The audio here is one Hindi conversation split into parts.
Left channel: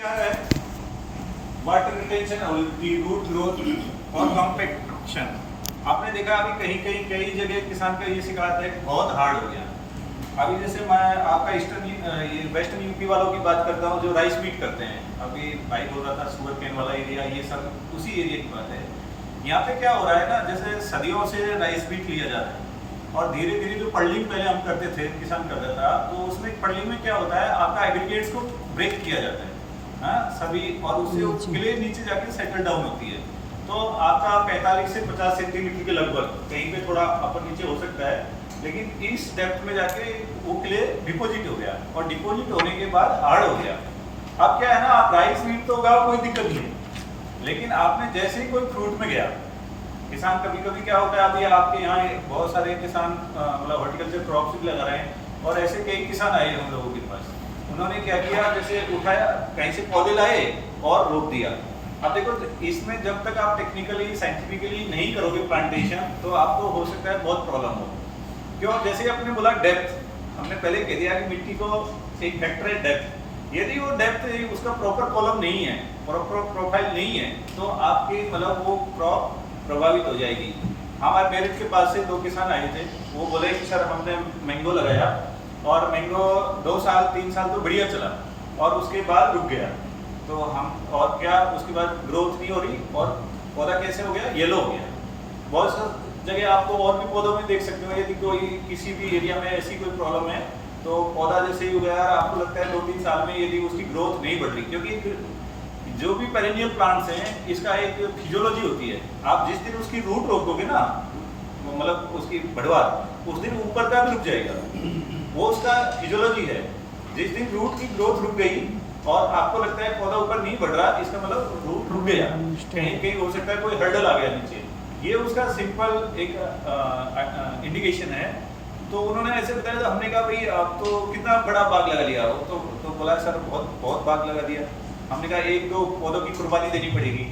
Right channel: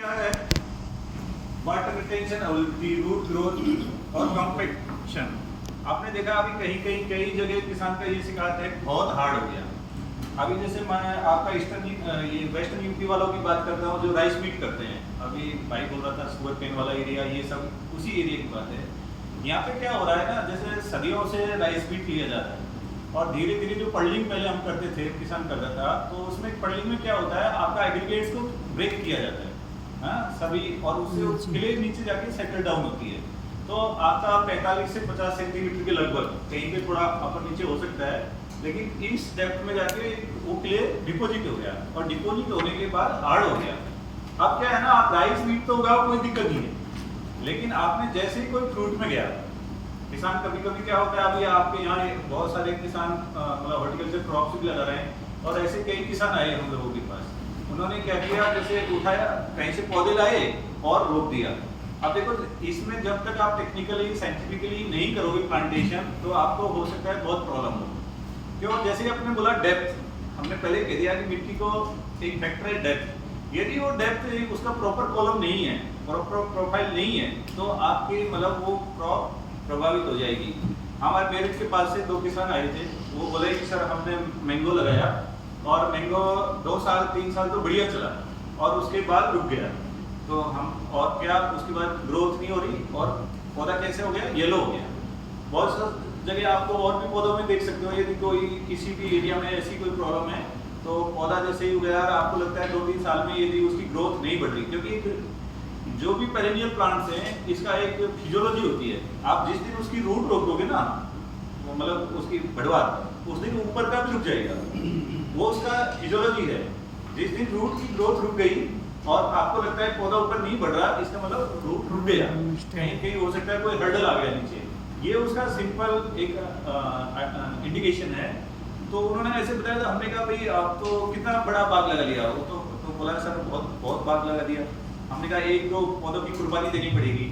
क्या है वाटर रिटेंशन, रूट ग्रोथ और कॉम्पैक्शन। आपने देखा अभी कई जगह किसान का ये शिकायत है बहुत हार्ड हो गया। अभी जैसे मैं आपका ये वेस्टर्न यूपी वालों की बात करता हूँ जो राइस मीट करते हैं। अभी भाई बोल रहा था शुगर केन वाला एरिया, ये सब उसी एरिया की बात है। यहाँ पे क्या हो रहा है ना, जैसे सदियों से राइस मीट लिया जा रहा है और धीरे धीरे जो पड़लिंग पहले हम करते थे, किसान करता था, तो उसमें पड़लिंग में क्या होता है, आपका एग्रीगेट्स को ब्रेक किया जाता है सभी, और उससे क्ले नीचे जाके सेटल डाउन होती है। तो आपका 45 से 50 सेंटीमीटर के लगभग, कहीं पे थोड़ा अपर नीचे हो सकता है, लेकिन इस डेप्थ में जाके वो क्ले डिपोजिट हो गया और डिपोजिट होने के बाद हार्ड हो गया। अब क्या है ना, आप राइस मीट तो उगाओ, कोई दिक्कत नहीं है, लेकिन आपने जैसे ही कोई फ्रूट में गया, किसान कभी कभी क्या होता है, अभी आपके यहाँ बहुत सारे किसान मतलब हॉर्टिकल्चर क्रॉप्स भी लगा रहे हैं, और ऐसे कई किसान आए हम लोगों के पास। उन्होंने क्या किया, जैसे उठाया कहीं से पौधे लाए और रोप दिया। अब देखो, इसमें जब तक आप टेक्निकली साइंटिफिकली नहीं करोगे प्लांटेशन, तो आपको हो सकता है बहुत प्रॉब्लम हो। क्यों? जैसे आपने बोला डेप्थ, हमने पहले कह दिया कि मिट्टी को एक फैक्टर है डेप्थ। यदि वो डेप्थ उसका प्रॉपर कॉलम नहीं है, प्रॉपर प्रोफाइल नहीं है, तो आपकी मतलब वो क्रॉप प्रभावित हो जाएगी। हमारे मेरे के पास से 2 किसान आए थे, वो बोले कि सर हमने मैंगो लगाया और मैंगो 2 साल 3 साल तो बढ़िया चला और उसके बाद रुक गया। तो हम और क्या, उसके बाद ग्रोथ नहीं हो रही और पौधा कैसे हो गया, येलो हो गया। बहुत सी जगह आपको और भी पौधों में देख सकते हो, यदि कोई किसी भी एरिया में ऐसी कोई प्रॉब्लम है, तो पौधा जैसे ही हो गया, आपको लगता है 2-3 साल में यदि उसकी ग्रोथ नहीं बढ़ रही, क्योंकि जो भी पेरेनियल प्लांट्स हैं, इसका एक फिजियोलॉजी होती है। आप जिस दिन उसकी रूट रोकोगे ना, मतलब उसकी बढ़वार, उस दिन ऊपर का भी रुक जाएगा, वो उसका फिजियोलॉजी है। जिस दिन रूट की ग्रोथ रुक गई और आपको लगता है पौधा ऊपर नहीं बढ़ रहा, इसका मतलब रूट रुक गया, कहीं हो सकता है कोई हर्डल आ गया नीचे, ये उसका सिंपल एक इंडिकेशन है। तो उन्होंने ऐसे बताया, तो हमने कहा भाई आप तो कितना बड़ा बाग लगा लिया, वो तो बोला सर बहुत बाग लगा दिया। हमने कहा 1-2 पौधों की कुर्बानी देनी पड़ेगी,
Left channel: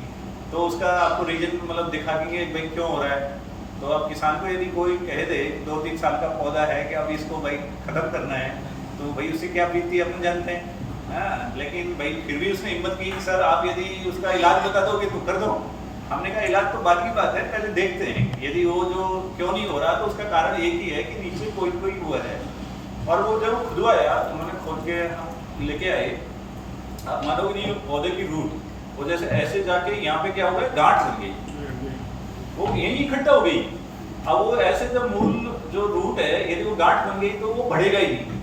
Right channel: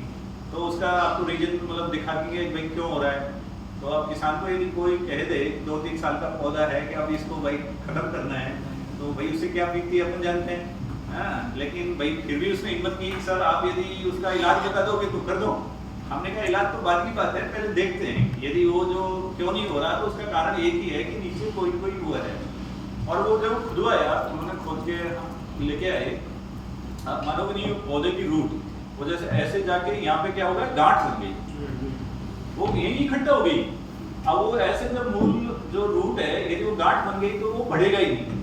तो उसका आपको रीजन मतलब दिखा के भाई क्यों हो रहा है। तो अब किसान को यदि कोई कह दे 2-3 साल का पौधा है कि अब इसको भाई खत्म करना है, तो भाई उससे क्या बीतती है अपन जानते हैं। लेकिन भाई फिर भी उसने हिम्मत की, सर आप यदि उसका इलाज बता दोगे तो कर दो। हमने कहा इलाज तो बाद की बात है, पहले देखते हैं यदि वो जो क्यों नहीं हो रहा, तो उसका कारण एक ही है कि नीचे कोई हुआ है। और वो जब खुदवा आया, उन्होंने खोद के लेके आए, आप मानोगे नहीं, पौधे की रूट वो जैसे ऐसे जाके यहाँ पे क्या हो गया, गांठ बन गई, वो यही इकट्ठा हो गई। अब वो ऐसे जब मूल जो रूट है, यदि वो गांठ बन गई तो वो बढ़ेगा ही नहीं।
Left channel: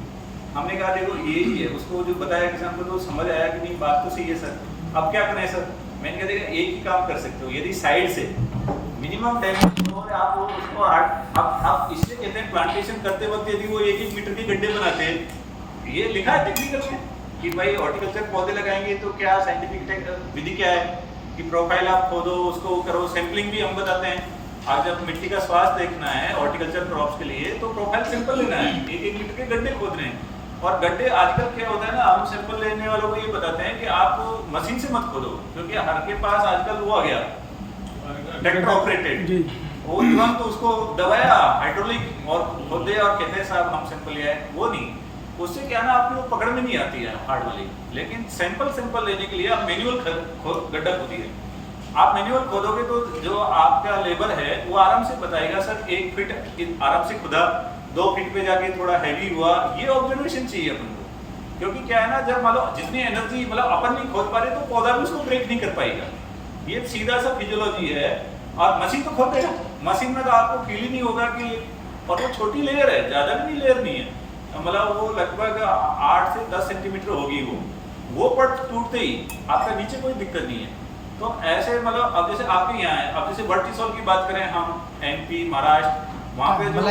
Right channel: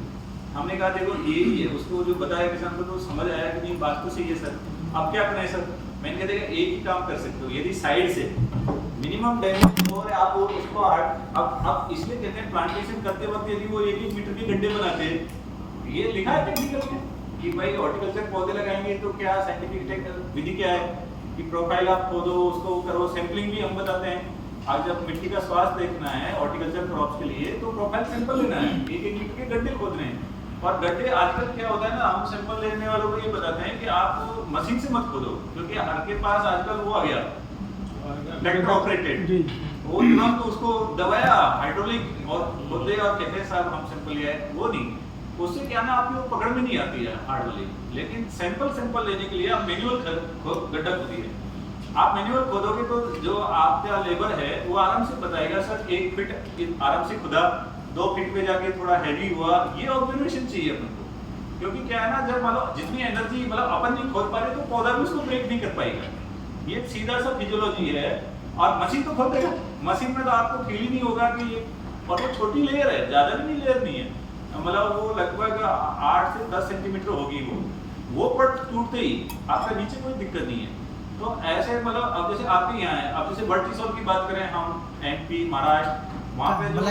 हमने कहा देखो यही है, उसको जो बताया किसान को, तो समझ आया कि नहीं बात तो सही है सर, अब क्या करें सर। मैंने कहा देखा एक ही काम कर सकते हो, यदि साइड से मिनिमम डैमेज हो रहा है, आप उसको अब इसलिए कहते हैं प्लांटेशन करते वक्त यदि वो 1-1 मीटर के गड्ढे बनाते हैं, ये लिखा है टेक्निकल में कि भाई हॉर्टिकल्चर पौधे लगाएंगे तो क्या साइंटिफिक विधि क्या है कि प्रोफाइल आप खोदो, उसको करो, सैंपलिंग भी हम बताते हैं। आज जब मिट्टी का स्वास्थ्य देखना है हॉर्टिकल्चर क्रॉप्स के लिए, तो प्रोफाइल सैंपल लेना है, 1-1 मीटर के गड्ढे खोदने हैं। और गड्ढे आजकल क्या होता है ना, हम सैंपल लेने वालों को ये बताते हैं कि आप मशीन से मत खोदो, क्योंकि हर के पास आजकल वो आ गया ट्रैक्टर ऑपरेटेड, वो तुरंत उसको दबाया हाइड्रोलिक और खोद दे और कहते हैं साहब हम सैंपल लिया है। वो नहीं, उससे क्या ना आपको पकड़ में नहीं आती है हार्ड वाली। लेकिन सैंपल लेने के लिए आप मैनुअल गड्ढा खोदिए। आप मैनुअल खोदोगे तो जो आपका लेबर है वो आराम से बताएगा, सर 1 फीट आराम से खुदा, 2 फीट पे जाके थोड़ा हैवी हुआ, ये ऑब्जर्वेशन चाहिए अपन को। क्योंकि क्या है ना, जब मतलब जितनी एनर्जी मतलब अपन नहीं खोद पा रहे, तो पौधा भी उसको ब्रेक नहीं कर पाएगा। ये सीधा सा फिजियोलॉजी है। और मशीन तो खोद देगा, मशीन में तो आपको फील ही नहीं होगा कि, और वो छोटी लेयर है, ज्यादा भी नहीं लेयर नहीं है, मतलब वो लगभग 8 से 10 सेंटीमीटर होगी वो पर टूटते ही आपका नीचे कोई दिक्कत नहीं है। तो ऐसे मतलब अब जैसे आपके यहाँ है, अब जैसे वर्टिसोल की बात करें हम, MP महाराष्ट्र, वहाँ पे जो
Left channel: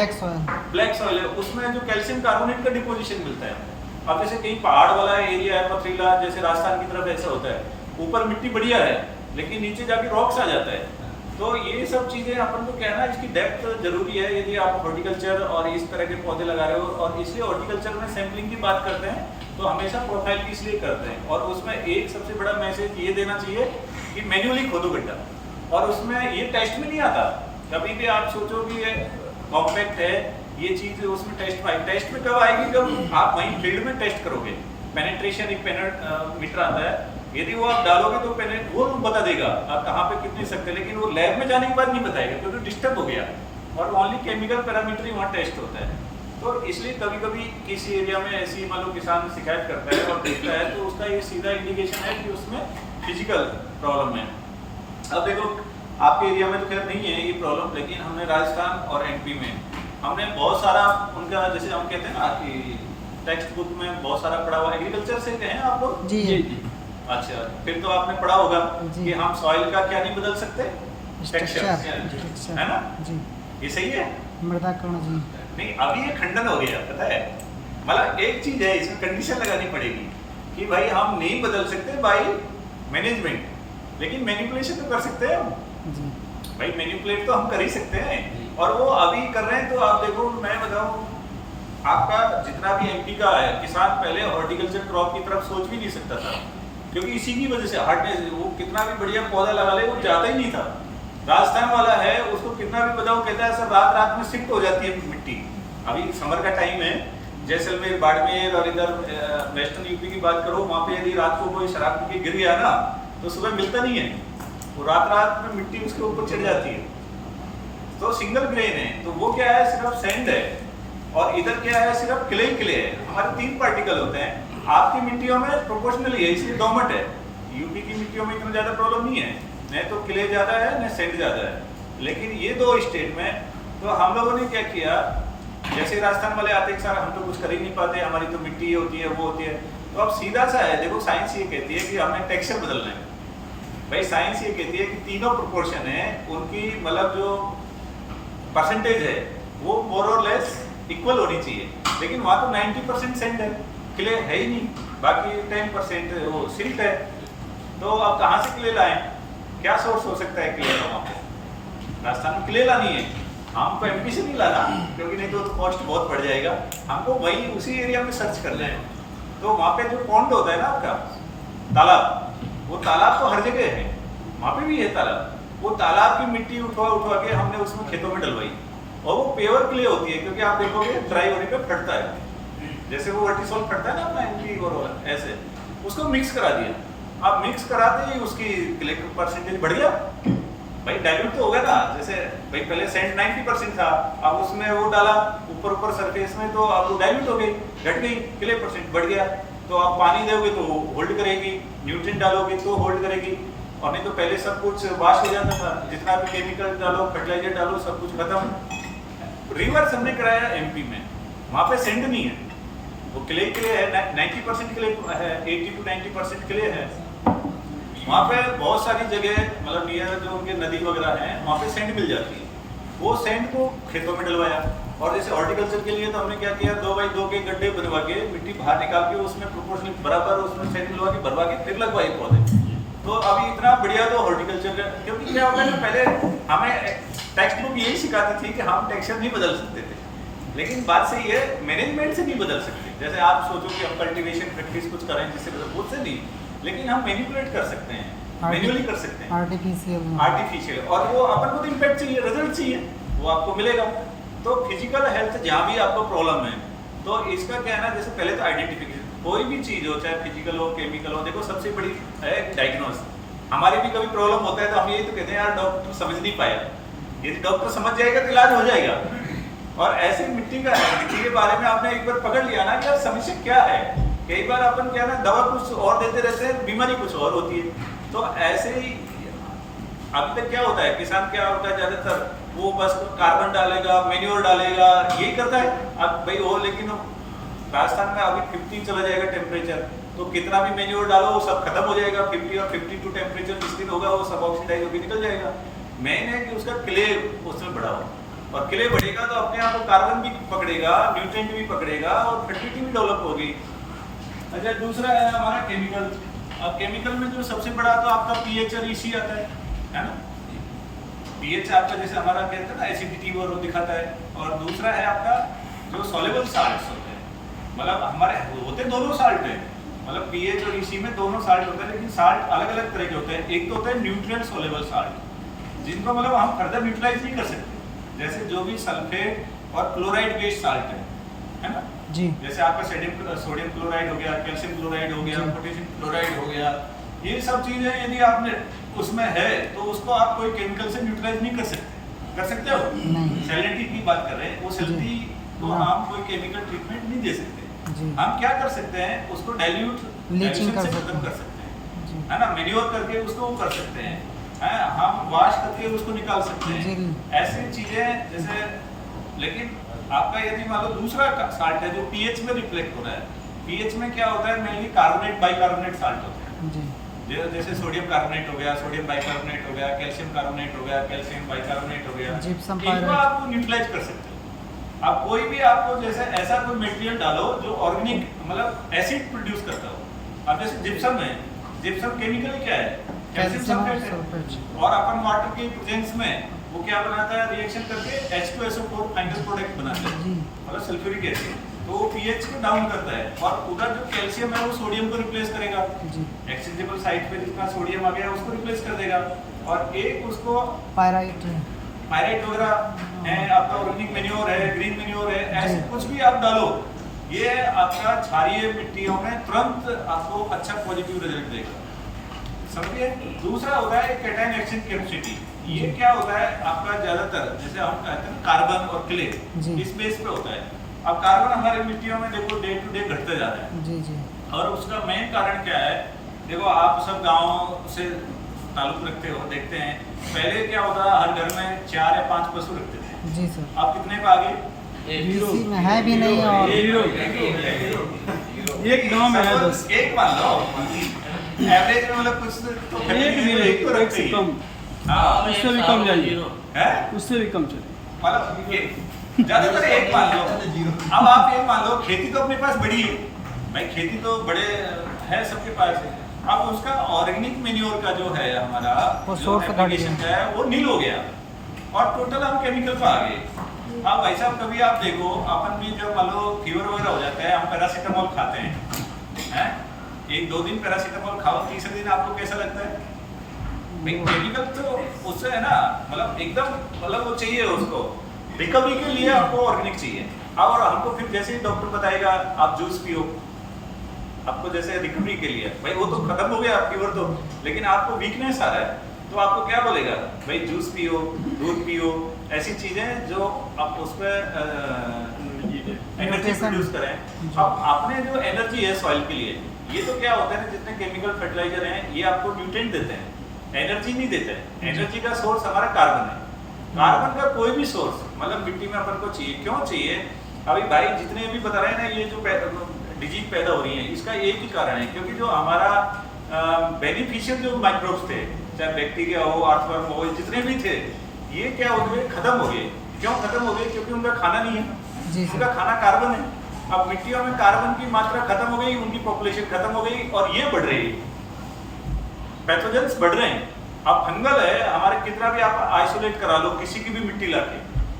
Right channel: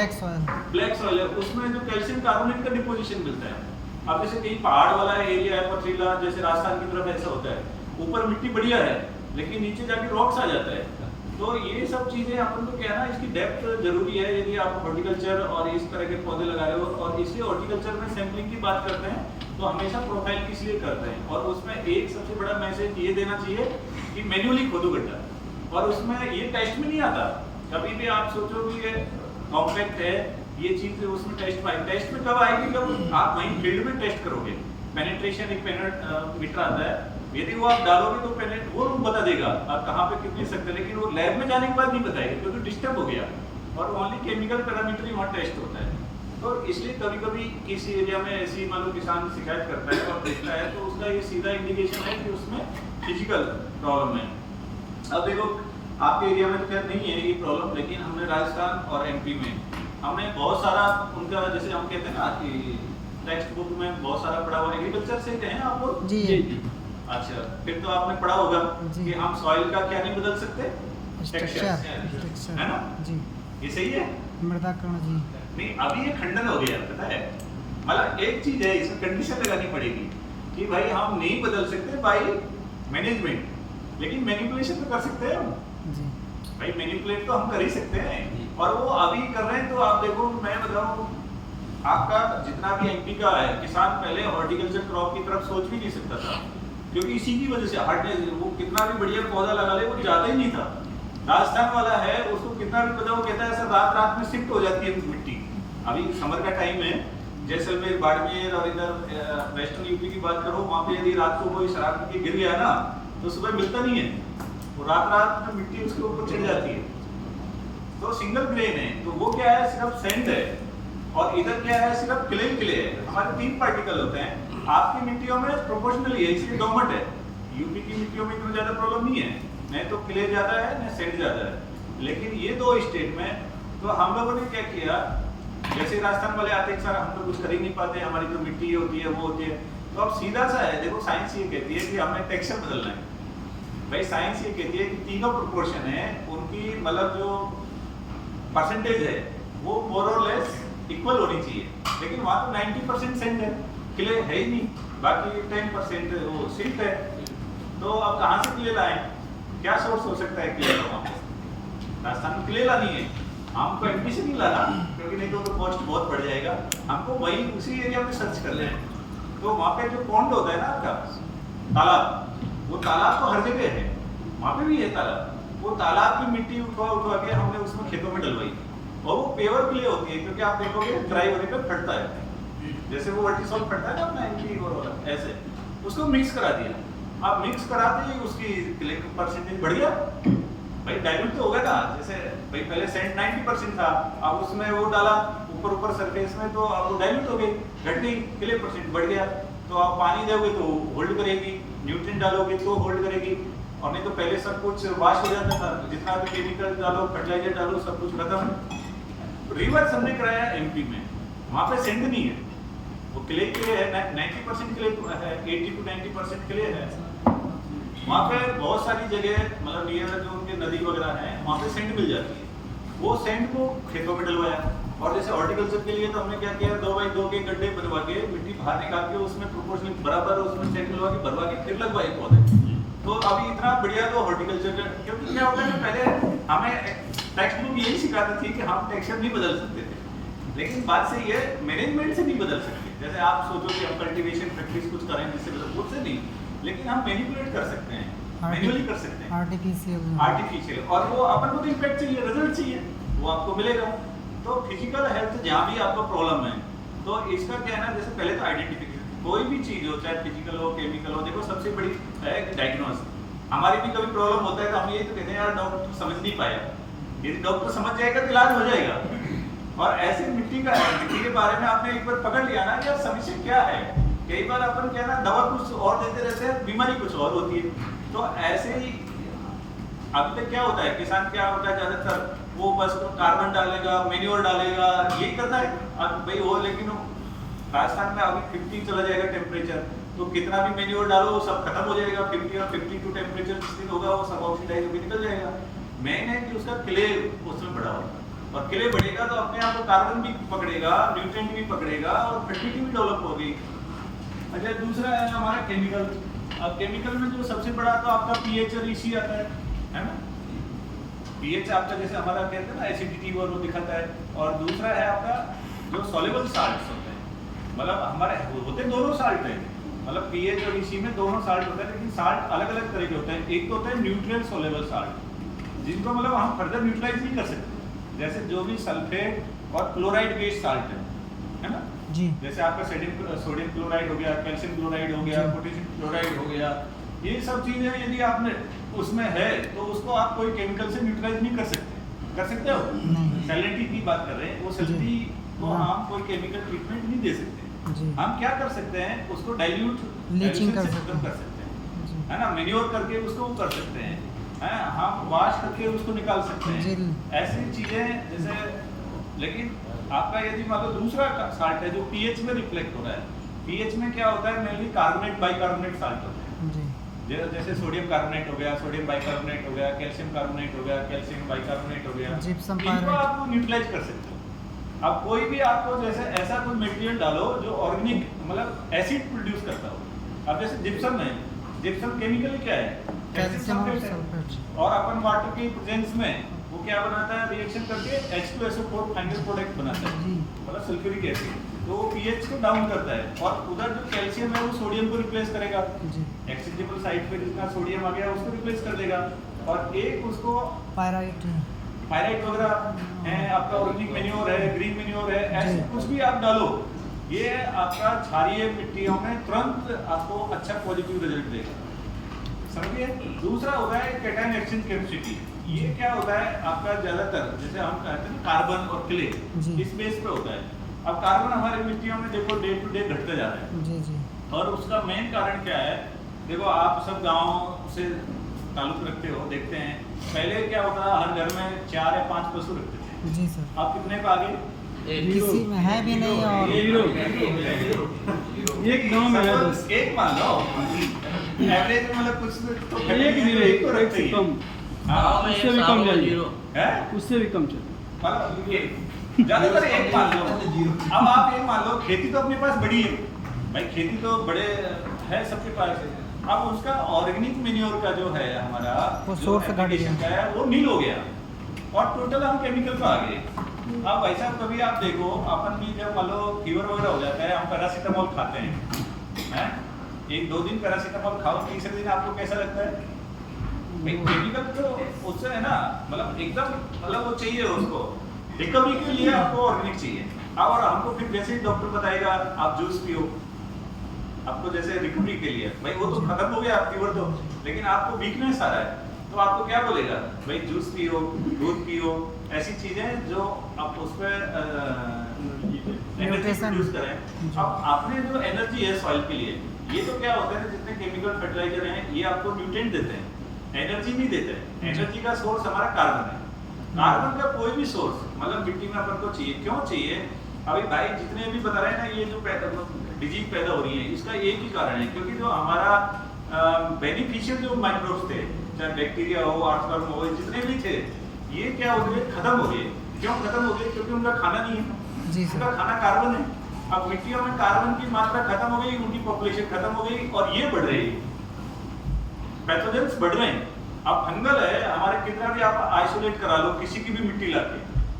ब्लैक सॉइल है, उसमें जो कैल्शियम कार्बोनेट का डिपोजिशन मिलता है। अब जैसे कहीं पहाड़ वाला एरिया है, पथरीला, जैसे राजस्थान की तरफ ऐसा होता है, ऊपर मिट्टी बढ़िया है लेकिन नीचे जाके रॉक्स आ जाता है। तो ये सब चीजें अपन को क्या है ना, इसकी डेप्थ जरूरी है यदि आप हॉर्टिकल्चर और इस तरह के पौधे लगा रहे हो। और इसलिए हॉर्टिकल्चर में सैंपलिंग की बात करते हैं तो हमेशा प्रोफाइल की इसलिए करते हैं। और उसमें एक सबसे बड़ा मैसेज ये देना चाहिए कि मैन्युअली खोदो गड्ढा, और उसमें ये टेस्ट में नहीं आता। कभी भी आप सोचो कि ये कॉम्पैक्ट है, ये चीज उसमें टेस्ट में कब आएगी, जब आप वहीं फील्ड में टेस्ट करोगे। पेनेट्रेशन एक मीटर आता है, यदि वो आप डालोगे तो वो बता देगा आप कहाँ पे कितनी सकते हैं, लेकिन वो लैब में जाने के बाद नहीं बताएगा क्योंकि डिस्टर्ब हो गया और ओनली केमिकल पैरामीटर ही वहाँ टेस्ट होता है। तो इसलिए कभी कभी किसी एरिया में ऐसी मान लो किसान शिकायत करता है और देखता है तो उसका ये सीधा इंडिकेशन है कि उसमें फिजिकल प्रॉब्लम है। अब देखो आपके एरिया में तो खैर नहीं है ये प्रॉब्लम, लेकिन हमने राजस्थान और एमपी में हमने बहुत सारा उनका, जैसे हम कहते हैं ना कि टेक्स्ट बुक में बहुत सारा पढ़ा हुआ, एग्रीकल्चर से कहें आपको जी जी। अच्छा, फिर तो आपने पढ़ा होगा कि हम सॉइल का क्या नहीं बदल सकते, टेक्सचर, है ना जी, ये सही है। मृदा कण जी नहीं, अभी ये खंडन हो गया, पता है, मतलब एक चीज है इसमें कंडीशन लगानी पड़ेगी कि भाई हम नहीं बदल सकते बाई मैनेजमेंट, लेकिन मैनिपुलेशन तो कर सकते हैं हम जी। भाई, मैनिपुलेट तो हम कर ही सकते हैं और वो अभी कर रहे हैं। तो आप देखो, मैं बताऊं आपका जितना भी एमपी का है किसान पहले हॉर्टिकल्चर क्रॉप की तरफ सोच भी नहीं सकता था, क्योंकि इसी की वजह से हार्डनेस, वो कितना भी बढ़िया पौधा लगा ले वो जाता ही नहीं था। राजस्थान वाला है उसको कितना भी पता, वो कहता है सर रात रात में शिफ्ट हो जाती है मिट्टी। अभी समर का टाइम है, जैसलमेर, बाड़मेर और इधर वेस्टर्न यूपी की बात करो, वहाँ पे यदि रात को कोई शराब पी के गिर गया ना तो सुबह मिलता नहीं है, तो रात रात में मिट्टी उसके ऊपर चढ़ जाती है। तो सिंगल ग्रेन है, तो वो क्या है, सिर्फ सैंड है, और इधर क्या है, सिर्फ क्ले है। हमारे 3 पार्टिकल होते हैं, आपकी मिट्टियों में प्रोपोर्शनली है, इसलिए डोमट है। यूपी की मिट्टियों में इतना ज्यादा प्रॉब्लम नहीं है, न तो क्ले ज्यादा है न सैंड ज्यादा है। लेकिन ये 2 स्टेट में तो हम लोगों ने क्या किया, जैसे राजस्थान वाले आते हैं सर हम तो कुछ कर ही नहीं पाते, हमारी तो मिट्टी होती है वो होती है, तो अब सीधा सा है, देखो साइंस ये कहती है कि हमें टेक्सचर बदलना है। भाई साइंस ये कहती है कि तीनों प्रोपोर्शन है उनकी, मतलब जो परसेंटेज है वो मोर और लेस इक्वल होनी चाहिए, लेकिन वहाँ तो 90% सैंड है, क्ले है ही नहीं, बाकी 10% वो सिल्ट है। तो अब कहाँ से क्ले लाएं, क्या सोर्स हो सकता है क्ले का? वहाँ पे राजस्थान में क्ले लानी है, हमको एमपी से नहीं लाना, क्योंकि नहीं तो कॉस्ट बहुत बढ़ जाएगा, हमको वही उसी एरिया में सर्च करना है। तो वहाँ पे जो पॉन्ड होता है ना आपका तालाब, वो तालाब तो हर जगह है, वहाँ पे भी है तालाब, वो तालाब की मिट्टी उठवा के हमने उसमें खेतों में डलवाई, और वो प्योर क्ले होती है, क्योंकि आप देखोगे ड्राई होने पे फटता है, जैसे वो वर्टिसॉल फटता है ना अपना एमपी और ऐसे, उसको मिक्स करा दिया। आप मिक्स कराते ही उसकी क्ले परसेंटेज बढ़ गया, भाई डाइल्यूट तो होगा ना, जैसे भाई पहले सैंड 90% था, अब उसमें वो डाला ऊपर सरफेस में, तो अब वो डाइल्यूट हो गई, घट गई, क्ले परसेंट बढ़ गया। तो आप पानी दोगे तो होल्ड करेगी, न्यूट्रिएंट डालोगे तो होल्ड करेगी, और नहीं तो पहले सब कुछ वाश हो जाता था, जितना भी केमिकल डालो, फर्टिलाइजर डालो, सब कुछ खत्म। रिवर्स हमने कराया एमपी में, वहाँ पे सेंड नहीं है, वो क्ले है, 90% क्ले है, 80 to 90% क्ले है। वहाँ पे बहुत सारी जगह, मतलब नियर जो उनके नदी वगैरह है, वहाँ पे सेंड मिल जाती है, वो सेंड को खेतों में डलवाया। और जैसे हॉर्टिकल्चर के लिए तो हमने क्या किया, 2x2 के गड्ढे बनवा के मिट्टी बाहर निकाल के उसमें प्रोपोर्शनली बराबर उसमें सेंड मिलवा के भरवा के फिर लगवाए पौधे। तो अभी इतना बढ़िया तो हॉर्टिकल्चर का, क्योंकि क्या होता है ना, पहले हमें टेक्स्ट बुक यही सिखाती थी कि हम टेक्सचर नहीं बदल सकते थे, लेकिन बात सही है, मैनेजमेंट से नहीं बदल सकते। जैसे आप सोचो कि हम कल्टीवेशन प्रैक्टिस कुछ करें जिससे बदल, उससे नहीं, लेकिन हम मैनिपुलेट कर सकते हैं, मैन्युअली कर सकते हैं, आर्टिफिशियल, और वो अपन को तो इम्पैक्ट चाहिए, रिजल्ट चाहिए, वो आपको मिलेगा। तो फिजिकल हेल्थ जहाँ भी आपको प्रॉब्लम है, तो इसका क्या है ना, जैसे पहले तो आइडेंटिफिकेशन, कोई भी चीज हो, चाहे फिजिकल हो, केमिकल हो, देखो सबसे बड़ी है डायग्नोस। हमारी भी कभी प्रॉब्लम होता है तो हम यही तो कहते हैं यार डॉक्टर समझ नहीं पाया, यदि डॉक्टर समझ जाएगा तो इलाज हो जाएगा। और ऐसे मिट्टी का है, मिट्टी के बारे में आपने एक बार पकड़ लिया ना कि यार समस्या क्या है, कई बार अपन क्या ना दवा कुछ और देते रहते हैं, बीमारी कुछ और होती है। तो ऐसे ही अभी तक क्या होता है, किसान क्या होता है ज्यादातर, वो बस कार्बन डालेगा, मेन्योर डालेगा, यही करता है। अब भाई वो, लेकिन राजस्थान में अभी 50 चला जाएगा टेम्परेचर, तो कितना भी मेन्योर डालो वो सब खत्म हो जाएगा। 50 और 52 टेम्परेचर जिस दिन होगा वो सब ऑक्सीडाइज होकर निकल जाएगा। मेन है कि उसका क्ले उसमें बढ़ाओ, और क्ले बढ़ेगा तो अपने आप कार्बन भी पकड़ेगा, न्यूट्रिएंट भी पकड़ेगा, और फर्टिलिटी भी डेवलप होगी। अच्छा, दूसरा है हमारा केमिकल। अब केमिकल में जो सबसे बड़ा तो आपका पीएच और ईसी आता है ना। पीएच आपका जैसे हमारा कहते हैं ना एसिडिटी वो दिखाता है, और दूसरा है आपका जो सॉल्युबल साल्ट्स होते हैं, मतलब हमारे होते दोनों साल्ट हैं, मतलब पीएच और ईसी में दोनों साल्ट होते हैं, लेकिन साल्ट अलग अलग तरह के होते हैं। एक तो होता है न्यूट्रिएंट सॉल्युबल साल्ट, जिनको मतलब हम फर्दर न्यूट्रलाइज नहीं कर सकते, जैसे जो भी सल्फेट और क्लोराइड बेस्ड साल्ट है ना, जी। जैसे आपका सोडियम क्लोराइड हो गया, कैल्शियम क्लोराइड हो गया, जी। पोटेशियम क्लोराइड हो गया, ये सब चीजें यदि आपने उसमें है तो उसको आप कोई केमिकल से न्यूट्रलाइज नहीं कर सकते। कर सकते हो? नहीं। सैलिनिटी की बात कर रहे हैं, वो सैलिनिटी को हाँ। हम कोई केमिकल ट्रीटमेंट नहीं दे सकते। जी। हम क्या कर सकते हैं, उसको डाइल्यूट लीचिंग कर से सकते खत्म हैं। कर सकते हैं, जी। है ना, मैन्योर करके उसको कर सकते हैं, हम वॉश करके उसको निकाल सकते हैं, जी। ऐसी चीजें जैसे। लेकिन आपका यदि मान लो दूसरा साल्ट है जो पीएच में रिफ्लेक्ट हो रहा है, पीएच में क्या होता है, मेनली कार्बोनेट बाइकार्बोनेट साल्ट होते हैं, जी। जैसे सोडियम कार्बोनेट हो गया, सोडियम बाइकार्बोनेट हो गया, कैल्शियम कार्बोनेट हो गया, कैल्शियम बाइकार्बोनेट हो गया, जिप्सम इनको पायरेट। आप न्यूट्रलाइज कर सकते हो। आप कोई भी आपको जैसे ऐसा कोई मटेरियल डालो जो ऑर्गेनिक मतलब एसिड प्रोड्यूस करता हो। अब जैसे जिप्सम है, जिप्सम केमिकली क्या है, कैल्शियम सल्फेट है, और अपन वाटर के प्रेजेंस में वो क्या बनाता है, रिएक्शन करके H2SO4 फाइनल प्रोडक्ट बनाता है, जी। मतलब सल्फ्यूरिक एसिड, तो वो पीएच को डाउन करता है, और उधर जो कैल्शियम है वो सोडियम को रिप्लेस करेगा, जी। एक्सचेंजेबल साइड पे जितना सोडियम आ गया उसको रिप्लेस कर देगा, और एक उसको पायराइट है। पायराइट वगैरह है, आपका ऑर्गेनिक मैन्योर है, ग्रीन मैन्योर है, ऐसे जी। कुछ भी आप डालो, ये आपका क्षारीय मिट्टियों में तुरंत आपको अच्छा पॉजिटिव रिजल्ट देगा, समझिए। दूसरा होता है कैटायन एक्सचेंज कैपेसिटी, ये क्या होता है आपका ज्यादातर जैसे हम कहते हैं कार्बन और क्ले, जी। इस बेस पे होता है। अब कार्बन हमारे मिट्टियों में देखो डे टू डे घटते जा रहा है, जी। जी। और उसका मेन कारण क्या है, देखो आप सब गाँव से ताल्लुक रखते हो, देखते हैं पहले क्या होता है, हर घर में 4 या 5 पशु रखते थे, जी सर। आप कितने पे आ गए? किसी में है भी नहीं और एक गांव में है 10। एक मान लो एवरेज में, मतलब कुछ तो एक भी नहीं, एक से कम, हाँ, उससे भी कम जाइए, है उससे भी कम चलिए। मतलब ज्यादातर एक मान लो। अब आप एक मान लो, खेती तो अपने पास बड़ी है भाई, खेती तो बड़े है सबके पास है, अब उसका ऑर्गेनिक मैन्योर का जो है हमारा वो जो सोर्स एप्लीकेशन का है वो नील हो गया, और टोटल हम केमिकल पे आ गए। अब भाई साहब कभी आप देखो, अपन भी जब मान लो फीवर वगैरह हो जाता है, हम पैरासीटामोल खाते हैं, 1-2 दिन पैरासीटामोल खाओ, तीसरे दिन आपको कैसा लगता है भाई, केमिकल तो उससे है ना, मतलब एकदम मतलब वो चाहिए उसको रिकवरी के लिए, आपको ऑर्गेनिक चाहिए। और हमको फिर जैसे ही डॉक्टर बताएगा आप जूस पियो, आपको जैसे रिकवरी के लिए, भाई वो तो खत्म हो गया फीवर तो, लेकिन आपको वीकनेस आ रहा है तो आपको क्या बोलेगा भाई, जूस पियो, दूध पियो, ऐसी चीजें जो आप उस पर एनर्जी प्रोड्यूस करें। अब आपने जो एनर्जी है सॉइल के लिए, ये तो क्या होता है ना, जितने केमिकल फर्टिलाइजर हैं ये आपको न्यूट्रिएंट देते हैं, एनर्जी नहीं देते हैं। एनर्जी का सोर्स हमारा कार्बन है, कार्बन का कोई भी सोर्स मतलब मिट्टी में अपन को चाहिए, क्यों चाहिए? अभी भाई जितने भी बता रहे हैं ना, ये जो डिजीज पैदा हो रही है, इसका एक ही कारण है, क्योंकि जो हमारा बेनिफिशियल जो माइक्रोब्स थे, चाहे बैक्टीरिया हो, अर्थवर्म हो, जितने भी थे, ये क्या हो गए, खत्म हो गए। क्यों खत्म हो गए? क्योंकि उनका खाना नहीं है, जी उनका खाना कार्बन है। अब मिट्टियों में कार्बन की मात्रा खत्म हो गई, उनकी पॉपुलेशन खत्म हो गई, और ये बढ़ रही है, पैथोजेंस बढ़ रहे हैं। अब फंगल है हमारे, कितना भी आप आइसोलेट करा लो किसी की भी मिट्टी लाके,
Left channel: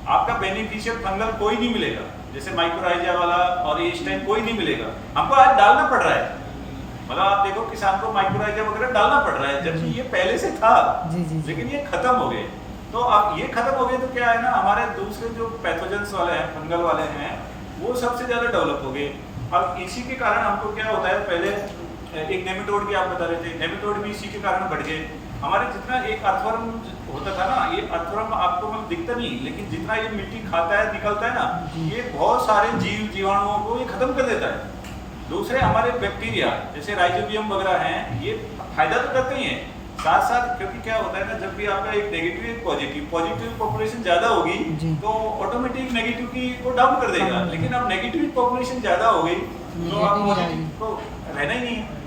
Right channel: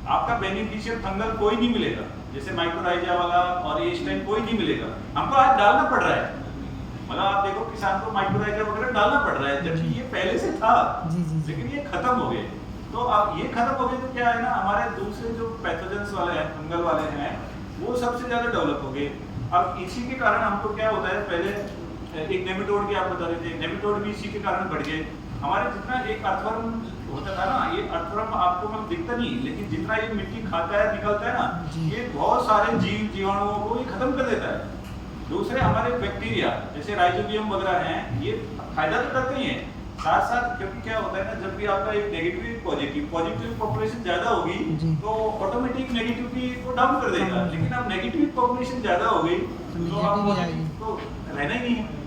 आपका बेनिफिशियल फंगल कोई नहीं मिलेगा, जैसे माइक्रोराइजा वाला और ये इस टाइम कोई नहीं मिलेगा। हमको आज डालना पड़ रहा है, मतलब आप देखो किसान को माइक्रोराइजा वगैरह डालना पड़ रहा है, जबकि ये पहले से था, लेकिन ये खत्म हो गए। तो अब ये खत्म हो गए तो क्या है ना, हमारे दूसरे जो पैथोजेंस वाले हैं, फंगल वाले हैं, वो सबसे ज्यादा डेवलप हो गए। अब इसी के कारण हमको क्या होता है, पहले एक नेमेटोड की आप बता रहे थे, नेमेटोड भी इसी के कारण बढ़ गए। हमारे जितना एक अर्थवर्म होता था ना, ये अर्थवर्म आपको मतलब दिखता नहीं, लेकिन जितना ये मिट्टी खाता है निकलता है ना, ये बहुत सारे जीवाणुओं को ये खत्म कर देता है। दूसरे हमारे बैक्टीरिया जैसे राइजोबियम वगैरह हैं, ये फायदा तो करते ही हैं, साथ साथ क्योंकि क्या होता है ना, जब भी आपका एक नेगेटिव एक पॉजिटिव पॉपुलेशन ज्यादा होगी तो ऑटोमेटिक नेगेटिव की वो डाउन कर देगा, लेकिन अब नेगेटिव पॉपुलेशन ज्यादा हो गई तो आप पॉजिटिव तो रहना ही नहीं है।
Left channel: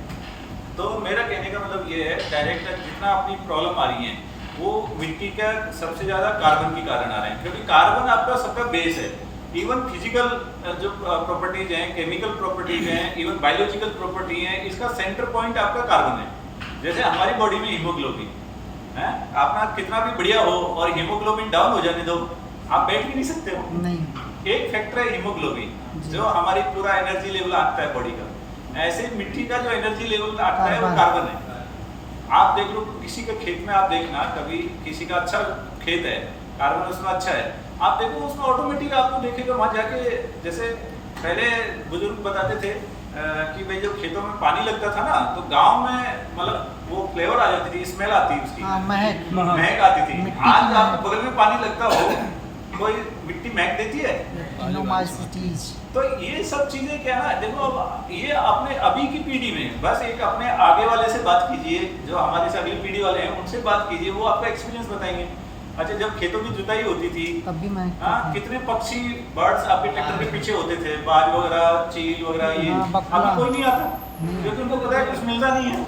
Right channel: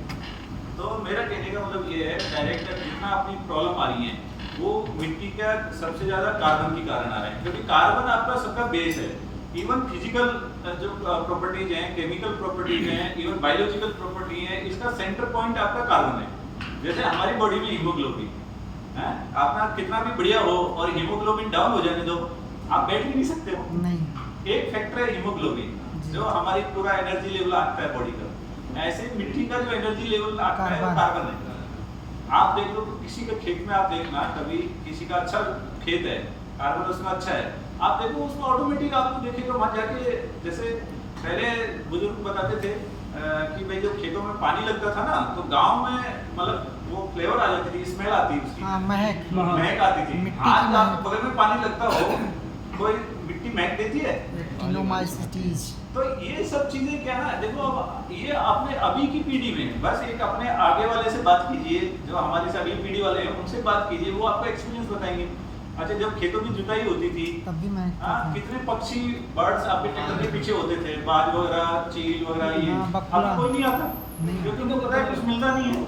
तो मेरा कहने का मतलब ये है, डायरेक्ट जितना अपनी प्रॉब्लम आ रही है वो मिट्टी का सबसे ज्यादा कार्बन के कारण आ रहे हैं, क्योंकि कार्बन आपका सबका बेस है। इवन फिजिकल जो प्रॉपर्टीज हैं, केमिकल प्रॉपर्टीज हैं, इवन बायोलॉजिकल प्रॉपर्टी है, इसका सेंटर पॉइंट आपका कार्बन है। जैसे हमारी बॉडी में हीमोग्लोबिन है, आपना कितना भी बढ़िया हो और हीमोग्लोबिन डाउन हो जाने दो, आप बैठ भी नहीं सकते हो। नहीं। एक फैक्टर है हीमोग्लोबिन, जो हमारी पूरा एनर्जी लेवल आता है बॉडी का। ऐसे मिट्टी का जो एनर्जी लेवल आता है वो कार्बन है। आप देख लो किसी के खेत में, आप देखना कभी किसी का अच्छा खेत है, कार्बन उसमें अच्छा है, आप देखो उसमें ऑटोमेटिक आपको देखेगा वहां जाके जैसे पहले बुजुर्ग बताते थे कि भाई जब खेतों में पानी लगता था ना तो गांव में मतलब वो फ्लेवर आ जाती थी, स्मेल आती उसकी, हाँ, महक महक आती थी। मिट्टी की आज महक। आपके बगल में पानी लगता हो, कोई मिट्टी महक देती है? Luminosities. तो ये सब चीजें क्या ना, देखो अब ये अपने अभी की पीढ़ी में, बस एक अपने आगे वाले से बात कीजिए, जो हमारे से अगली पीढ़ी वाले हैं उनसे बात कीजिए, वो आपका एक्सपीरियंस बताएंगे। अच्छा, जब खेतों की जुताई होती थी, तब भी महक हाँ, था। कितने पक्षी बर्ड्स आपके ट्रैक्टर के पीछे होते थे, बाज वगैरह, चील वगैरह, ये हाँ, बगुला। अब कोई नहीं आता, नहीं। क्योंकि उनको पता है कुछ मिलता नहीं है।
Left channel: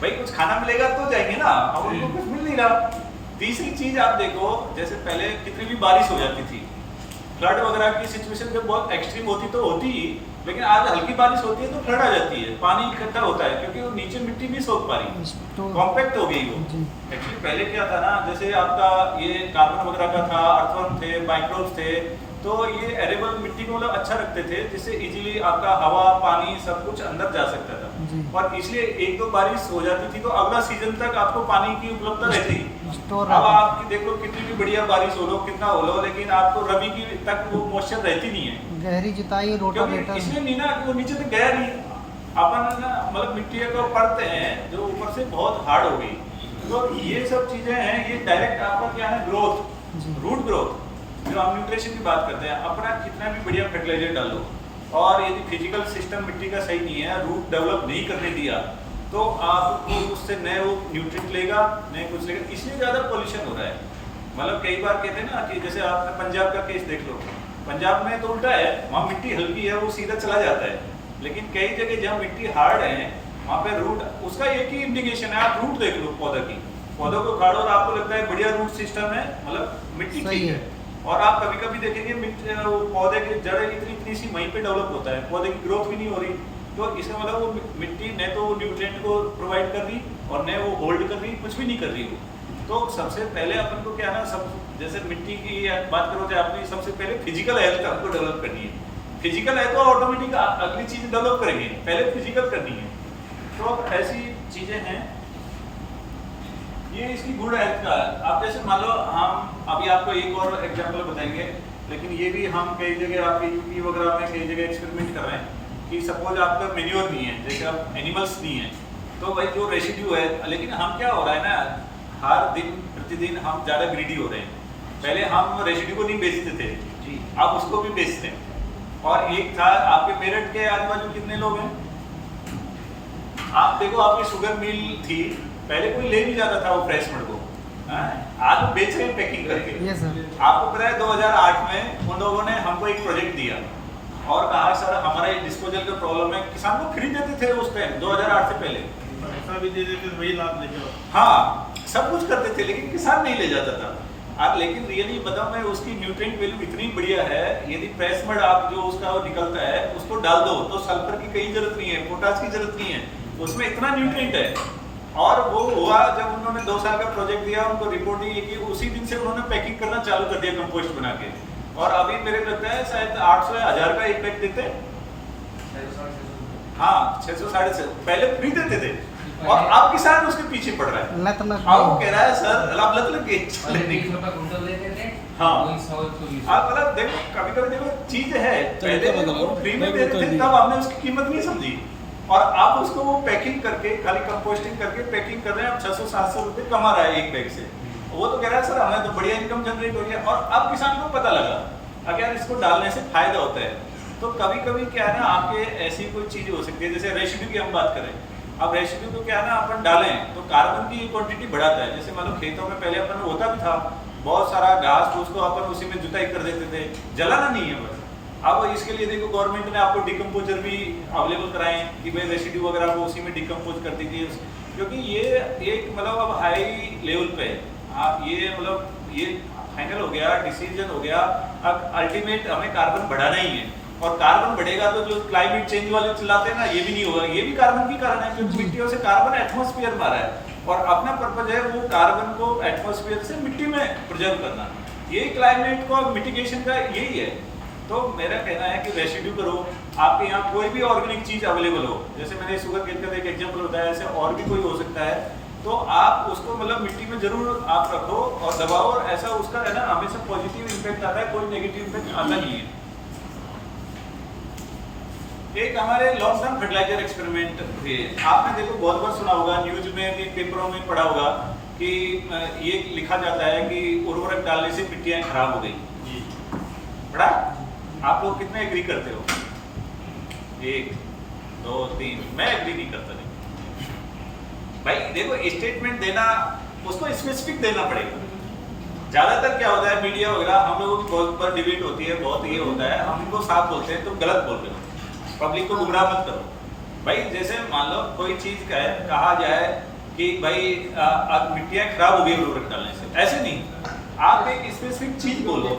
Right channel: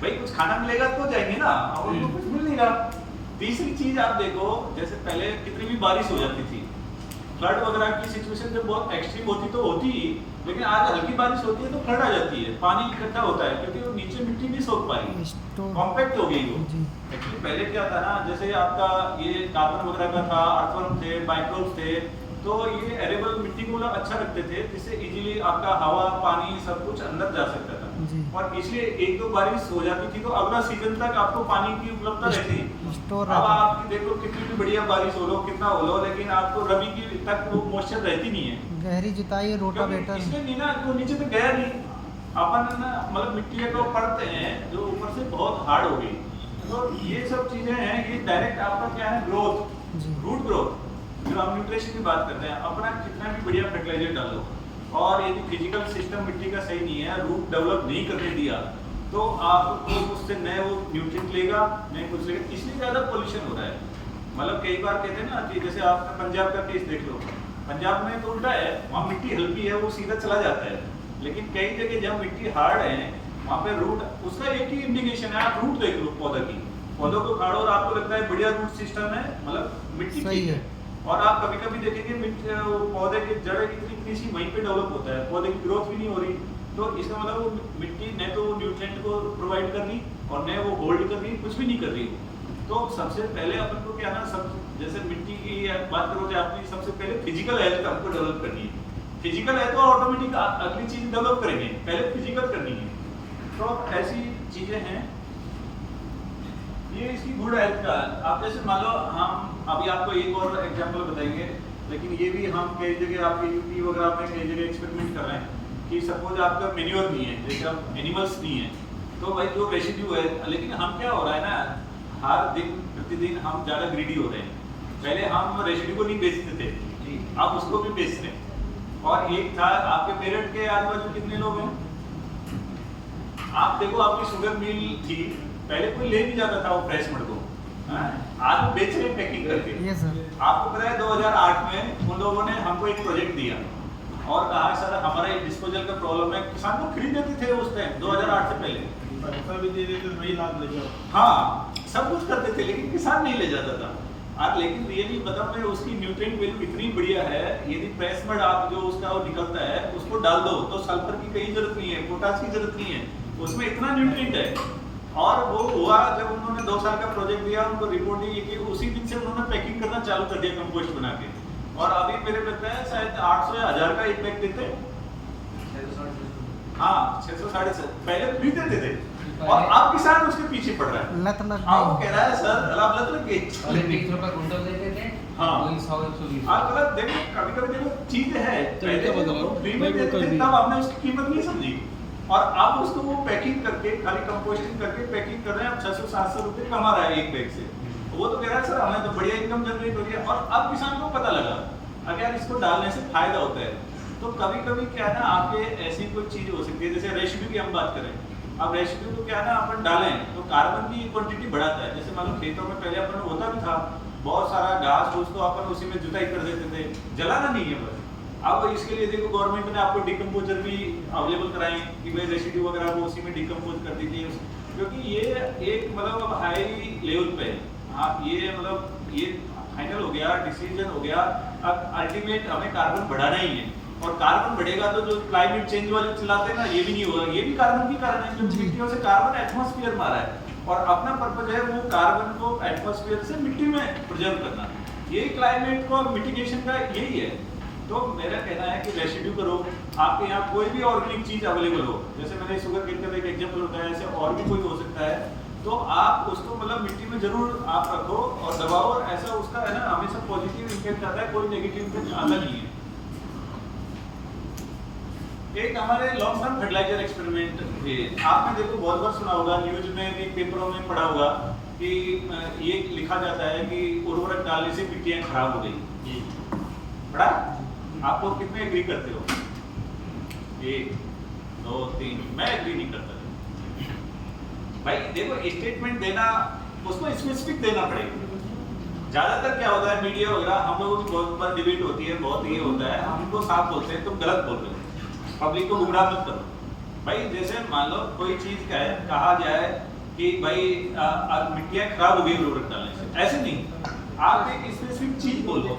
भाई कुछ खाना मिलेगा तो जाएंगे ना, अब उनको कुछ मिल नहीं रहा। तीसरी चीज आप देखो, जैसे पहले कितनी भी बारिश हो जाती थी, फ्लड वगैरह की सिचुएशन जब बहुत एक्सट्रीम होती तो होती ही, लेकिन आज हल्की बारिश होती है तो फ्लड आ जाती है, पानी इकट्ठा होता है क्योंकि वो नीचे मिट्टी नहीं सोख पा रही, Store- कॉम्पैक्ट हो गई वो। जी। एक्चुअली पहले क्या था ना, जैसे आपका ये कार्बन वगैरह का था, अर्थवर्म थे, माइक्रोब्स थे, तो ये एरेबल मिट्टी को मतलब अच्छा रखते थे, जिससे इजीली आपका हवा पानी सब कुछ अंदर जा सकता था। जी। और इसलिए एक दो बारिश हो जाती थी तो अगला सीजन तक आपको पानी की उपलब्धता रहती। Store अब रहता। आप देखो कितनी भी बढ़िया बारिश हो लो, कितना हो लो, लेकिन आपको रबी की तक वो मॉइस्चर रहती नहीं है, गहरी जुताई क्योंकि रोटावेटर इसलिए नहीं ना कि वो नीचे तक गया नहीं। अपन ना मतलब मिट्टी को पढ़ते हैं जो ऊपर से बहुत हार्ड हो गई, तो ये सब चीजें हैं, ये डायरेक्ट आपका क्या है, ग्रोथ, जी। Root growth. जो हम न्यूट्रिशन की बात करते हैं, अपना कितना भी बढ़िया फर्टिलाइजर डालो और यदि फिजिकल सिस्टम मिट्टी का सही नहीं है, रूट डेवलप नहीं करने दिया, तो आपको उससे नए वो न्यूट्रिएंट लेगा, नए कुछ लेगा, इसलिए ज़्यादा पॉल्यूशन हो रहा है। मतलब कई बार कहते हैं ना कि जैसे आपने पंजाब का केस देख लो, पंजाब में तो उल्टा है, वहाँ मिट्टी हल्की है वो सीधा चला जाता है, लेकिन कई जगह जहाँ मिट्टी हार्ड है वहाँ पे रूट, उसका एक ही इंडिकेशन है, आप रूट देख लो पौधा की, पौधों को उखाड़ो और आपको लगता है बढ़िया रूट सिस्टम है, मतलब मिट्टी सही ठीक है। है। और आप कभी कभी देखेंगे वो पौधे की जड़ इतनी इतनी सी वहीं पे डेवलप होता है, पौधे की ग्रोथ भी नहीं हो रही, तो इसका मतलब वो मिट्टी न तो न्यूट्रिएंट को प्रोवाइड कर रही और न वो होल्ड कर रही, कुछ भी नहीं कर रही वो। तो सबसे पहले अपन को क्या ना, सब जैसे मिट्टी की बात करो तो आपने सबसे पहले फिजिकल हेल्थ हमको डेवलप करनी है। फिजिकल हेल्थ तो ऑटोमेटिक अगली चीज डेवलप करेंगे, पहले फिजिकल करनी है। तो ऐसी चीजें हैं, ये इसकी गुड हेल्थ का। आप जैसे मान लो, हम अभी आपको एक और एग्जांपल बताएंगे, लेकिन ये भी हम कई जगह आपके यूपी वगैरह में कई जगह एक्सपेरिमेंट कर रहे हैं कि सपोज आपका मेन्योर नहीं है, जैसे आप एनिमल्स नहीं है, तो भाई जो रेसिड्यू है, लेकिन हम क्या हो रहा है ना, हर दिन प्रतिदिन हम ज़्यादा ग्रीडी हो रहे हैं। पहले हम रेसिड्यू को नहीं बेचते थे जी, आप उसको भी बेच रहे हैं। और एक था आपके मेरठ के आजू बाजू कितने लोग हैं, आप देखो आपकी शुगर मिल थी, पहले कोई ले नहीं जाता था वो फ्रेश मड को, आज वो बेच रहे हैं पैकिंग करके। Yes sir. आपको पता है 2008 में उन लोगों ने हमको एक प्रोजेक्ट दिया और कहा सर हमारा ये डिस्पोजल का प्रॉब्लम है, किसान को फ्री देते थे उस टाइम 2008 से पहले, पैसा भी दे देते वही लाभ ले जाओ। हाँ सब कुछ करते थे, लेकिन किसान नहीं ले जाता था। आज लेकिन रियली बताऊं मैं, उसकी न्यूट्रिएंट वैल्यू इतनी बढ़िया है, यदि प्रेस मड आप जो उसका वो निकलता है उसको डाल दो तो सल्फर की कहीं जरूरत नहीं है, पोटाश की जरूरत नहीं है, उसमें इतना न्यूट्रिएंट है। और वो हुआ जब उन्होंने 2 साल का प्रोजेक्ट दिया, उनको रिपोर्ट दी कि उसी दिन से उन्होंने पैकिंग करना चालू कर दिया कंपोस्ट बना के, और अभी मेरे लगता है शायद 800 या 1000 का एक पैक देते हैं। हाँ 600 650, पहले फ्री देते थे और अब किसान उसके पीछे पड़ रहा है। लत लग हाँ वो गई। कह रहा है सर अब लत लग गई। पहले 20 रुपए कुंटल देते थे, हाँ। वही 100-120। आप मतलब देखो कभी कभी देखो चीज है, तरीका पहले बदला, वो फ्री में बैग में देते कर थे, दिया। तब आपने उसकी कीमत नहीं समझी, और आप उसको वो पैकिंग करके खाली कंपोस्टिंग करके पैकिंग कर रहे हैं, आप 600-700 रुपए कमा रहा है एक बैग से। वो तो कह रहा है सर हमें तो बढ़िया इनकम जनरेट हो रही है, और अब किसान को पता लगा अगर इसको डालने से फायदा होता है। तो कभी कभी क्या है ना, आपके ऐसी कोई चीज हो सकती है, जैसे रेसिड्यू की हम बात करें, अब रेसिड्यू को क्या है ना, अपन डालें तो कार्बन की क्वांटिटी बढ़ाता है। जैसे मान लो खेतों में पहले अपन होता भी था बहुत सारा घास फूस को अपन उसी में जुताई कर देते थे, जलाना नहीं है बस। अब इसके लिए देखो गवर्नमेंट ने आपको डिकम्पोजर भी अवेलेबल कराए कि भाई रेसिड्यू वगैरह को उसी में डिकम्पोज कर दीजिए, क्योंकि ये एक मतलब अब हाई लेवल पे है। ये मतलब ये फाइनल हो गया, डिसीजन हो गया, अब अल्टीमेट हमें कार्बन बढ़ाना ही है, और कार्बन बढ़ेगा तो जो क्लाइमेट चेंज वाले चिल्लाते हैं ना, ये भी नहीं होगा, ये भी कार्बन की कारण है, क्योंकि मिट्टियों से कार्बन एटमॉस्फेयर में आ रहा है, और अपना पर्पज है वो कार्बन को एटमॉस्फेयर से मिट्टी में प्रिजर्व करना। यही क्लाइमेट को मिटिगेशन का यही है। तो मेरा कहना है कि रेसिड्यू करो, आपके यहाँ कोई भी ऑर्गेनिक चीज अवेलेबल हो, जैसे मैंने शुगर केन का एक एग्जांपल बताया, ऐसे और भी कोई हो सकता है, तो आप उसको मतलब मिट्टी में जरूर आप रखो और दबाओ, और ऐसा उसका है ना हमेशा पॉजिटिव इम्पैक्ट आता है, कोई नेगेटिव इम्पैक्ट आता नहीं है। एक हमारे लॉन्ग टर्म फर्टिलाइजर एक्सपेरिमेंट थे। आपने देखो बहुत बार सुना होगा, न्यूज में भी, पेपरों में पढ़ा होगा कि ये लिखा जाता है कि उर्वरक डालने से मिट्टियां खराब हो गई। पढ़ा? आप लोग कितने एग्री करते हो? 1 2 3। मैं एग्री नहीं करता। भाई देखो, स्टेटमेंट देना उसको स्पेसिफिक देना पड़ेगा। ज्यादातर क्या होता है, मीडिया वगैरह हम लोगों की बहुत बार डिबेट होती है, बहुत ये होता है, हम उनको साफ बोलते हैं तुम गलत बोल रहे हो, पब्लिक को गुमराह मत करो। भाई जैसे मान लो कोई चीज कहा जाए कि भाई आज मिट्टियां खराब हो गई उर्वरक डालने से, ऐसे नहीं, आप एक स्पेसिफिक चीज बोलो।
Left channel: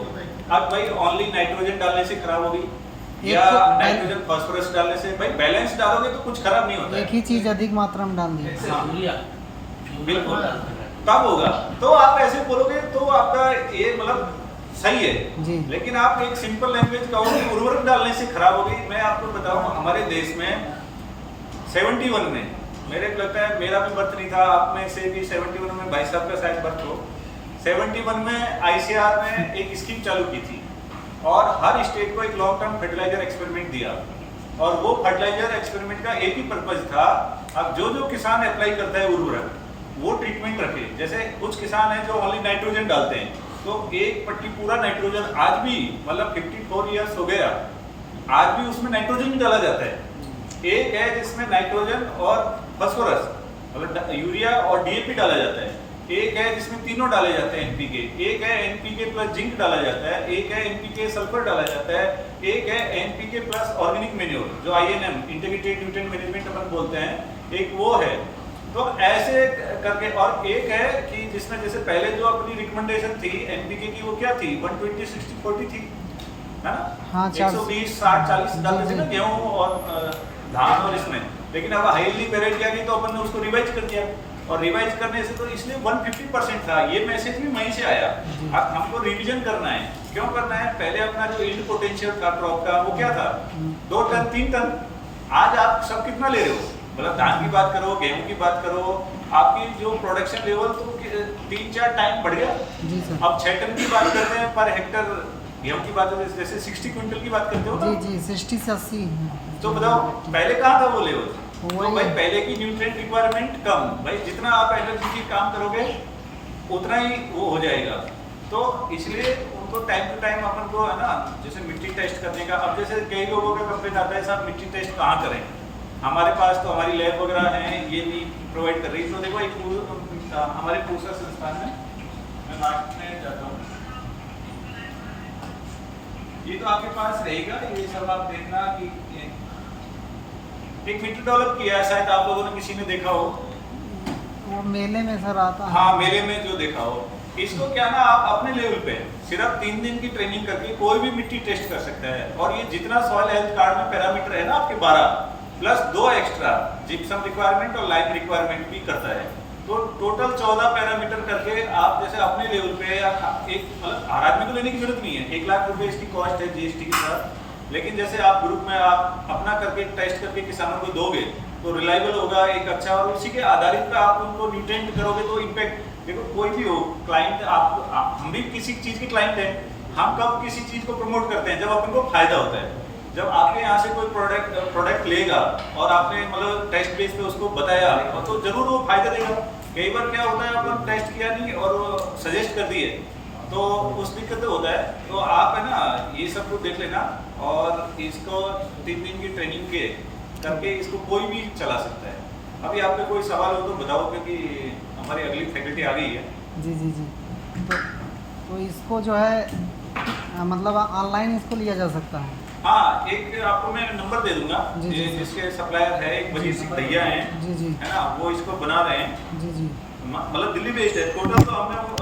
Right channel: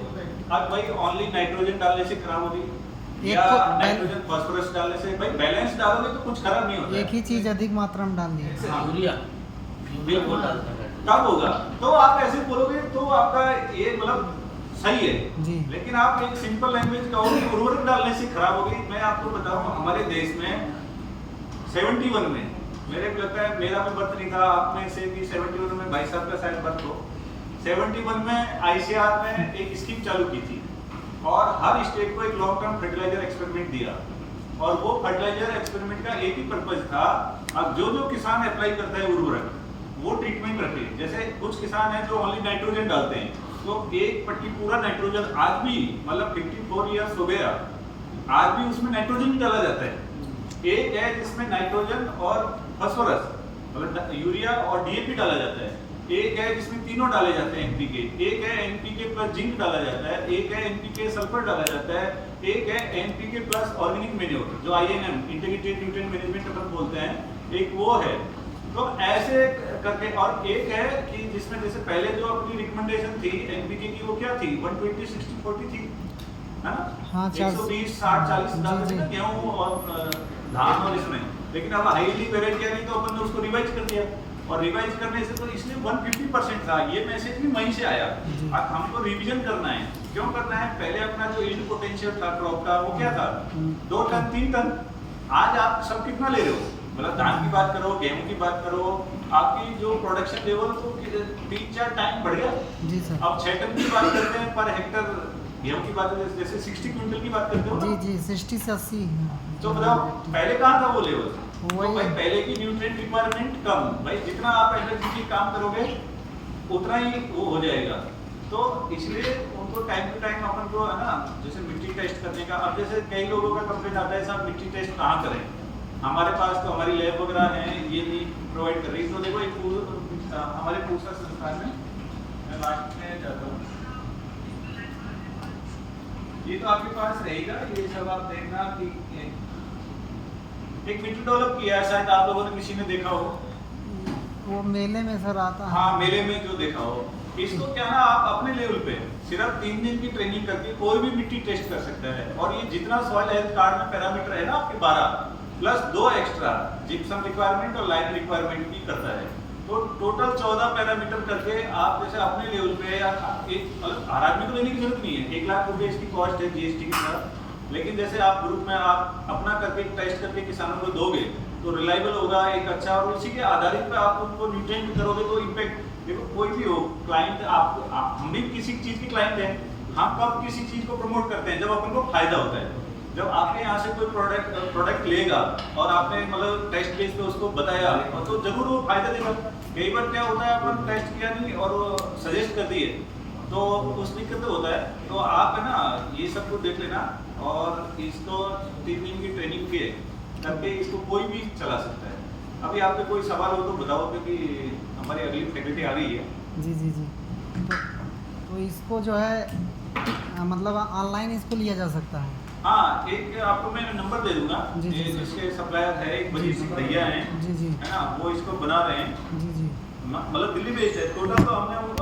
अब भाई ओनली नाइट्रोजन डालने से खराब हो गई या नाइट्रोजन फास्फोरस डालने से, भाई बैलेंस डालोगे तो कुछ खराब नहीं होता है। एक ही चीज अधिक मात्रा में डाल दिया। यूरिया बिल्कुल तब होगा, तो आप ऐसे बोलोगे तो आपका ये मतलब सही है जी। लेकिन आप एक सिंपल लैंग्वेज कहो कि उर्वरक डालने से खराब हो गई। मैं आपको बताऊं, हमारे देश में 71 में, मेरे को लगता है मेरा भी बर्थ नहीं था, आप में से भी 71 में भाई साहब का शायद बर्थ हो। 71 में आईसीआर ने एक स्कीम चालू की थी और हर स्टेट को एक लॉन्ग टर्म फर्टिलाइजर एक्सपेरिमेंट दिया, और वो फर्टिलाइजर एक्सपेरिमेंट का एक ही पर्पज था, अब जो किसान अप्लाई करता है उर्वरक वो ट्रीटमेंट रखे। जैसे कुछ किसान हैं जो ओनली नाइट्रोजन डालते हैं, तो एक पट्टी पूरा नाइट्रोजन, आज भी मतलब 54 इयर्स हो गया, आज भी उसमें नाइट्रोजन डाला जाता है। एक है जिसमें नाइट्रोजन और फास्फोरस मतलब यूरिया और डीएपी डाला जाता है, एक है जिसमें तीनों डाले जाते हैं एनपीके, एक है एनपीके प्लस जिंक डाला जाता है, एक है एनपीके सल्फर डाला जाता है, एक है एनपीके प्लस ऑर्गेनिक मैन्योर जो आईएनएम इंटीग्रेटेड न्यूट्रिएंट मैनेजमेंट अपन बोलते हैं, एक वो है। तो ऐसे करके, और एक है कि जिसमें जैसे पहले जो अपनी रिकमेंडेशन थी एनपीके की, वो क्या थी 120 60 40 थी, है ना? हाँ, 120 60 40 डालते थे ना गेहूं और धान और इसमें, लेकिन अब हाईली वेराइटी आ गई तो अपन ने उसको रिवाइज कर दिया, और रिवाइज करने से तो इसलिए 150% था। ये मैसेज भी वहीं से आया। अब हमको रिवीजन करना है। क्यों करना है? पहले अपना जो यील्ड पोटेंशियल था क्रॉप का वो क्या था, 2 टन 3 टन। आज आप सब कितना ले रहे हो, मतलब धान की बात करो, गेहूं की बात करो, आपकी जो प्रोडक्शन लेवल तो 3-4 टाइम बढ़ गया। जी सर। अब 6 टन की बात करते हैं पर हेक्टर, गेहूं की बात करते हैं जैसे 60 क्विंटल की बात करते हो ना? जी 60 से 80। तो बताओ पहले कहाँ था वो लेवल? तो वही भाई है। पहले की न्यूट्रिएंट रिक्वायरमेंट कम, भाई जितना आप एनर्जी की काम करोगे उतना ही वो हो जाएगा। तो इसलिए उनको टाइम टू टाइम अपन को है ना, जैसे मिट्टी टेस्ट करने का, अब जैसे कई लोगों का कंप्लेंट आता है साहब मिट्टी टेस्ट कहाँ करें, हमारे पास तो हमारी लैब वगैरह है, ये नहीं प्रोवाइड कर रही। तो देखो एक हमारे पूसा संस्थान में, मैं लास्ट में जाता हूँ, ये तो आपके पास रहेगा, ये सब आप देखना कि एक मीटर डेवलप किया है, शायद आप लोगों ने किसी ने देखा हो। वो मेले में सर आता है। हाँ, मेले में जो देखा हो। इसको क्या ना, आप अपने लेवल पे सिर्फ 3 दिन की ट्रेनिंग करके कोई भी मिट्टी टेस्ट कर सकता है, और ये जितना सॉइल हेल्थ कार्ड में पैरामीटर है ना आपके 12 प्लस 2 एक्स्ट्रा जिप्सम रिक्वायरमेंट और लाइम रिक्वायरमेंट भी करता है, तो टोटल 14 पैरामीटर करके आप जैसे अपने लेवल पे एक मतलब हर आदमी को लेने की जरूरत नहीं है, 1 लाख रुपए इसकी कॉस्ट है जीएसटी के साथ। लेकिन जैसे आप ग्रुप में आप अपना करके टेस्ट करके किसानों को दोगे तो रिलायबल होगा एक अच्छा, और उसी के आधारित पे आप उनको न्यूट्रिएंट करोगे तो इम्पैक्ट। देखो कोई भी हो क्लाइंट, हम भी किसी चीज के क्लाइंट हैं, हम कब किसी चीज को प्रमोट करते हैं जब अपन को फायदा होता है। जब आपके यहाँ से कोई प्रोडक्ट लेगा और आपने मतलब टेस्ट बेस पे उसको बताया तो जरूर वो फायदा देगा। कई बार क्या होता है अपन टेस्ट किया नहीं और सजेस्ट कर दिए तो उस दिक्कत होता है। तो आप है ना ये सब कुछ देख लेना, और इसको 3 दिन की ट्रेनिंग के करके इसको कोई भी चला सकता है। अभी आपके कोई सवाल हो तो बताओ, क्योंकि हमारी अगली फैकल्टी आ गई है। जी तो इसको जो है मतलब ऑनलाइन इसको लिया जा सकता है। हाँ, एक आपको मैं नंबर दे दूंगा, जी, जी, जिसके सप्लायर है एक बजीर सिंह भैया हैं, जी है ना, वो इसको बना रहे हैं। जी मतलब दिल्ली बेस्ड है। टोटल तो हमने वो